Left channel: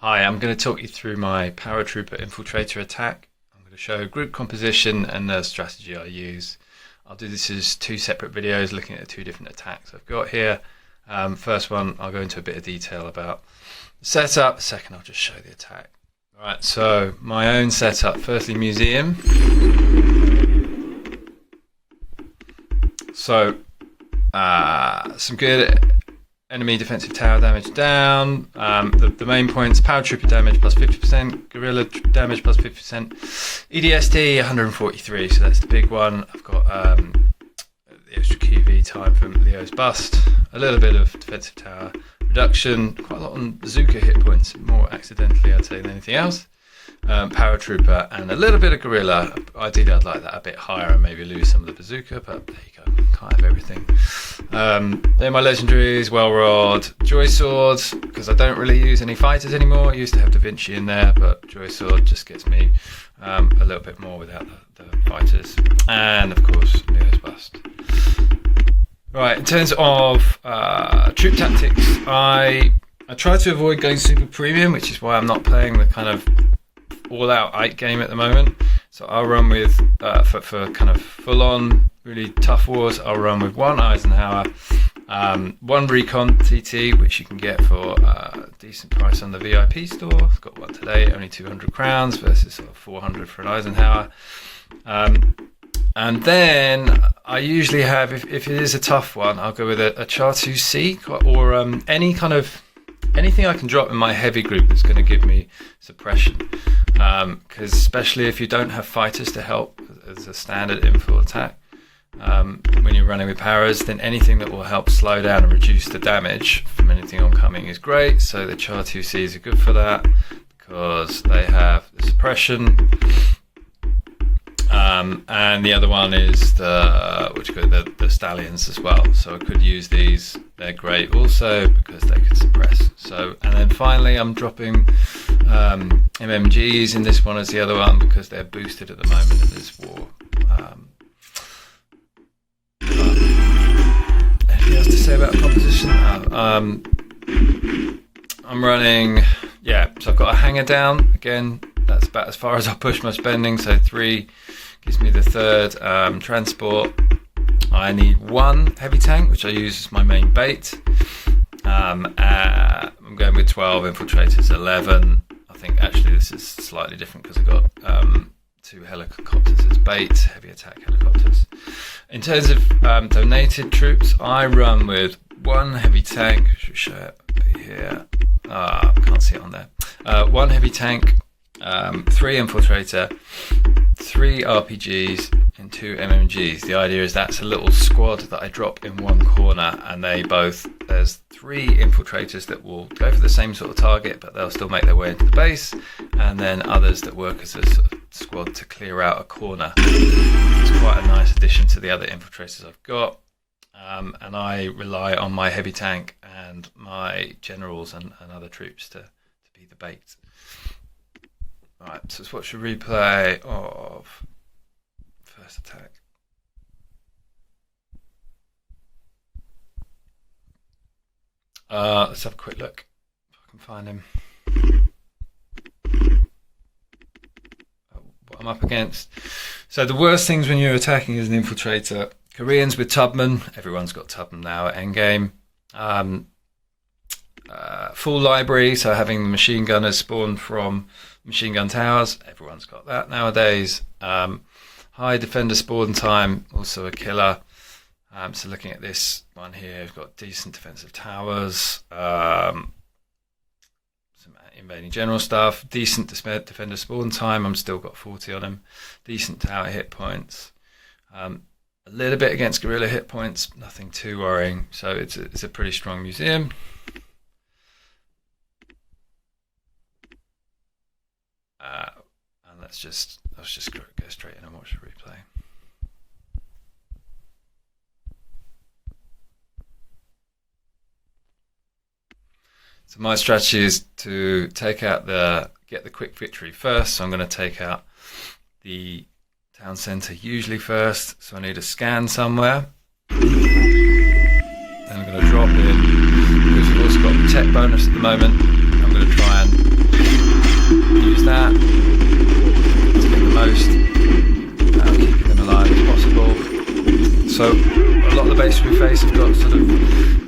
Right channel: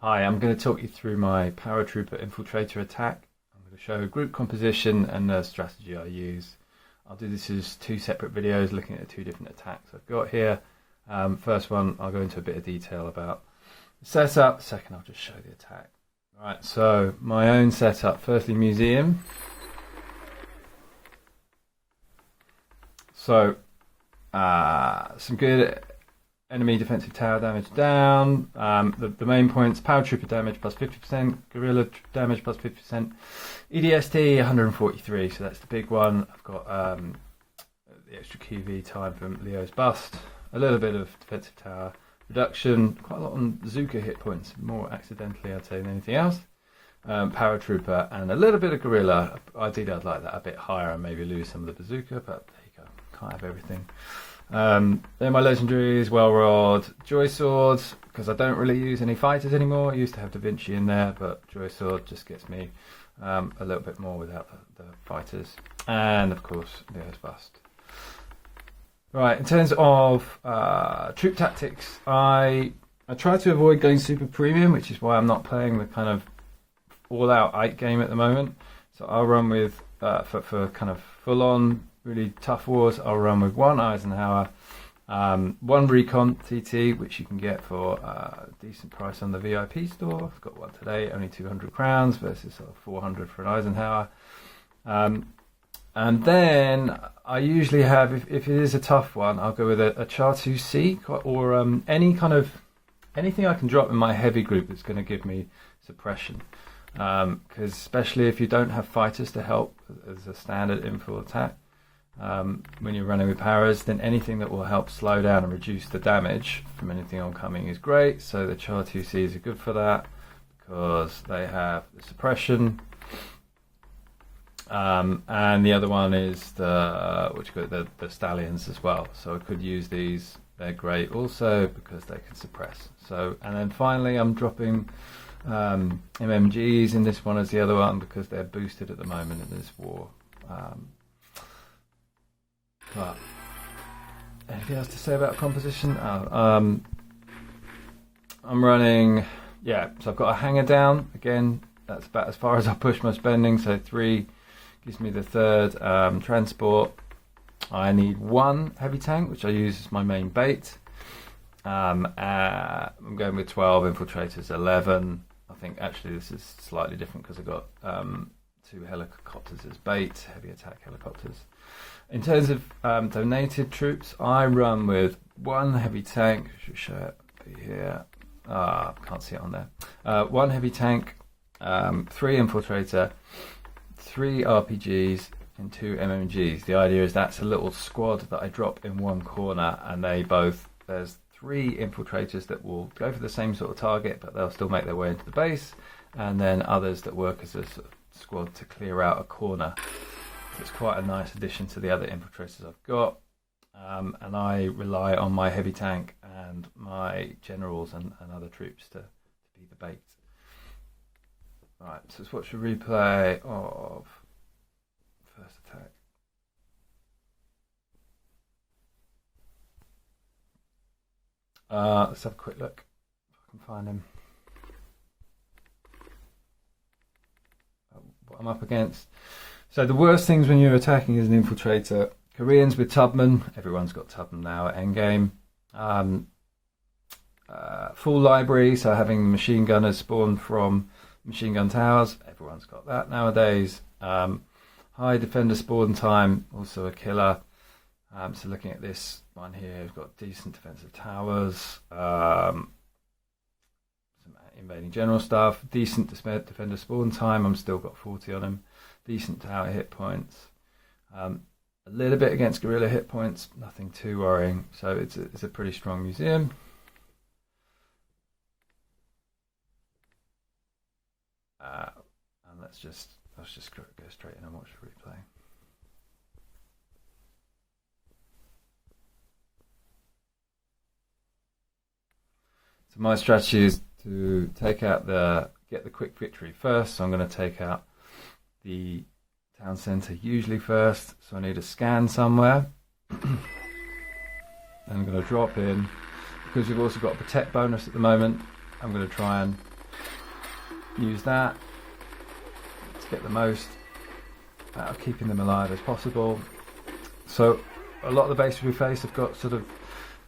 Hi, I'm going to talk you through my Paratrooper Infiltrator attack. I'm going to show group composition and the strategy I use. I'll do this as two separate videos looking at the two different attacks I've got here. First one, I'll go into a bit of detail about the setup. Second, I'll just show the attack. Alright, so my own setup. Firstly, museum. So, some good enemy defensive tower damage down. The main points: Paratrooper damage plus 50%, Guerrilla damage plus 50%, EDSD 143, so that's the big one. I've got the extra QV time from Leo's bust, a little bit of defensive tower reduction, quite a lot on bazooka hit points, more accidentally I'd say than anything else. Paratrooper and a little bit of Guerrilla. Ideally I'd like that a bit higher and maybe lose some of the bazooka, but there you go, can't have everything. They're my legendaries: Well Rod, Joy Sword, because I don't really use any fighters anymore. I used to have Da Vinci in there, but Joy Sword just gets me a little bit more without the fighters. And of course, Leo's bust. Right, in terms of troop tactics, I try to avoid going super premium, which is why I'm not playing the kind of all-out 8 game at the moment. So I'll run with, for kind of full-on, really tough wars, I'll run with one Eisenhower, one Recon TT, which you can get for a decent price on the VIP store. I've got one today, only 200 crowns versus sort of 400 for an Eisenhower. And then I usually have, if it is a tough one, I'll go with a Char 2C or anything I can drop in my heavy group that's going to give me suppression. Because especially if you don't have fighters to help as a standard infil attack, when you're running with paras, then anything that will help slow down and reduce the damage from anything oncoming is great. So the Char 2Cs are good for that because they have the suppression. And the other one is the Stallions as well. So I could use these. They're great also because they can suppress. So, and then finally I'm dropping MMGs in this one as the other one because they're boosted at the moment in this war. Anything else to say about composition? I'm running, so I've got a hanger down. Again, that's about as far as I push my spending. So 3 gives me the third transport. I need 1 heavy tank, which I use as my main bait. I'm going with 12 infiltrators, 11. I think actually this is slightly different because I've got 2 helicopters as bait, heavy attack helicopters. In terms of donated troops, I run with 1 heavy tank. Should show it here. Can't see it on there. 1 heavy tank, 3 infiltrator, 3 RPGs, and 2 MMGs. The idea is that's a little squad that I drop in one corner, and there's 3 infiltrators that will go for the same sort of target, but they'll still make their way into the base, and then others that work as a sort of squad to clear out a corner. It's quite a nice addition to the other infiltrators I've got, and I rely on my heavy tank and my generals and other troops to be the bait. Right, so let's watch a replay of first attack. Let's have a quick look if I can find him. What I'm up against. So the worst things when you're attacking as an infiltrator: Koreans with Tubman. Everyone's got Tubman now at endgame. Full library, so having the machine gunners spawn from machine gun towers. Everyone's got that nowadays. High defender spawn time, also a killer. So looking at this one here, we've got decent defensive towers, some invading general stuff, decent defender spawn time. I'm still got 40 on him. Decent tower hit points. A little bit against guerrilla hit points, nothing too worrying. So it's a pretty strong museum. And let's just go straight in and watch the replay. So my strategy is to get the quick victory first. So I'm going to take out the town centre usually first. So I need a scan somewhere. Then I'm going to drop in, because we've also got the tech bonus at the moment. I'm going going to try and use that to get the most out of keeping them alive as possible. So a lot of the bases we face have got sort of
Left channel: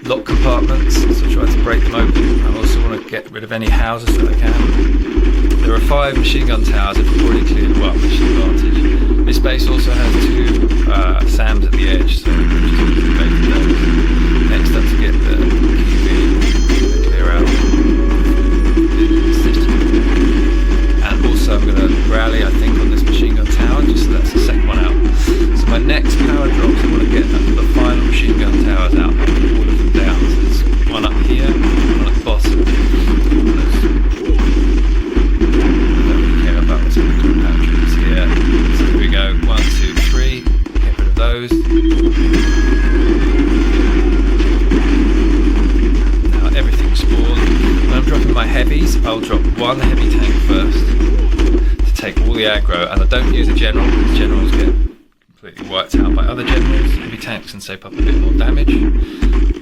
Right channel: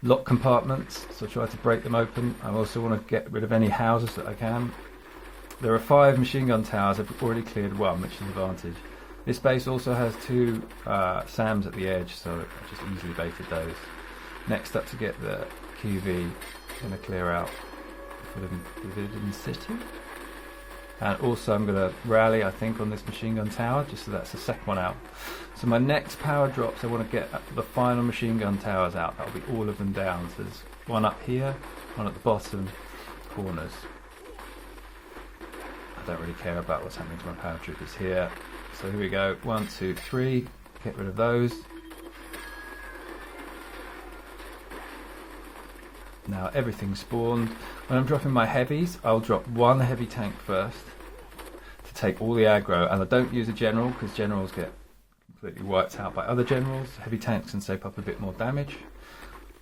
lock compartments, so try to break them open. I also want to get rid of any houses that I can. There are 5 machine gun towers that have already cleared, well, mission advantage. This base also has 2 SAMs at the edge, so we can just use the base of those. Next up to get the QB, going to clear out the city. And also I'm going to rally, I think, on this machine gun tower, just so that's the second one out. So my next power drops, I want to get the final machine gun towers out, I'll put all of them down. So there's one up here, one at the bottom corners. Don't really care about what's happening to my paratroopers here. So here we go, 1, 2, 3, get rid of those. Now everything's spawned. When I'm dropping my heavies, I'll drop 1 heavy tank first to take all the aggro, and I don't use a general because generals get completely wiped out by other generals. Heavy tanks can soak up a bit more damage.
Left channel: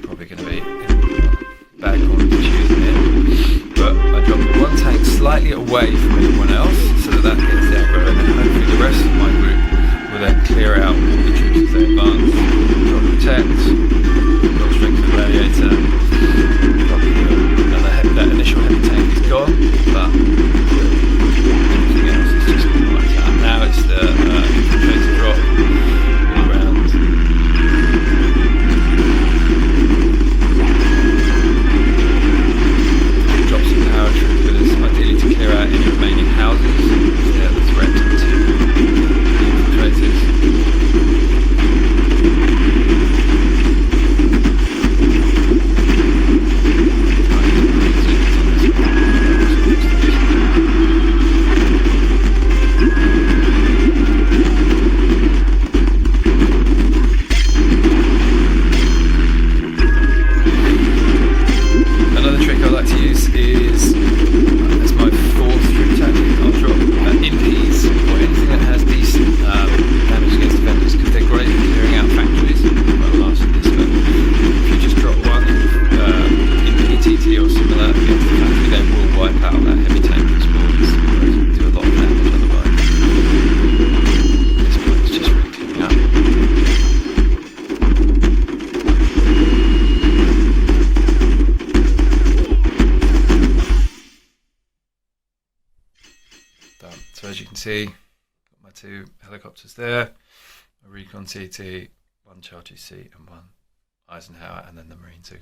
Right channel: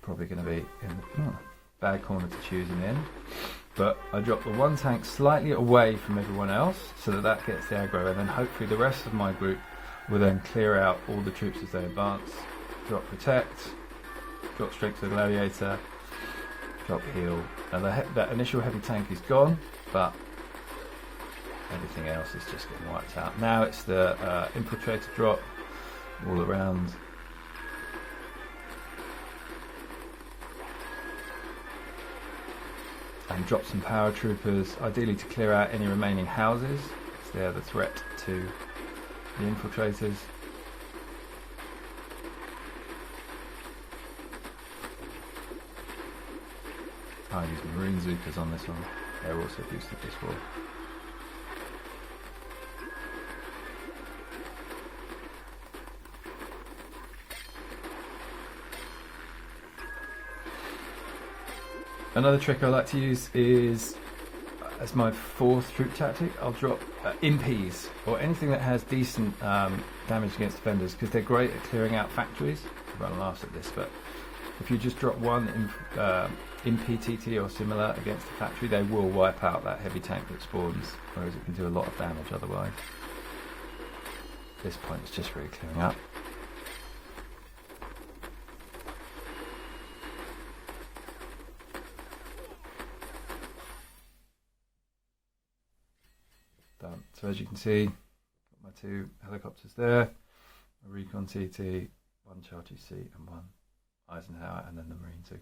Probably going to be in bad corner to choose them in. But I drop 1 tank slightly away from everyone else so that gets the aggro, and then hopefully the rest of my group will then clear out all the troops as they advance. Drop protect, drop strength of gladiator, drop that initial heavy tank is gone, but everything else is just been wiped out. Now it's the infiltrator drop all around. Drop some paratroopers, ideally to clear out any remaining houses. They're the threat to the infiltrators. Another trick I like to use is, as my 4th troop tactic, I'll drop impees or anything that has decent damage against defenders, because they're great at clearing out factories. Well, last of this, but if you just drop 1 impee TT or similar against the factory, they will wipe out that heavy tank that spawns, whereas it can do a lot of damage otherwise. At this point it's just really clearing up. So as you can see, got my 2 helicopters there, a recon TT, 1 Charge C and 1 Eisenhower, and then the Marine 2.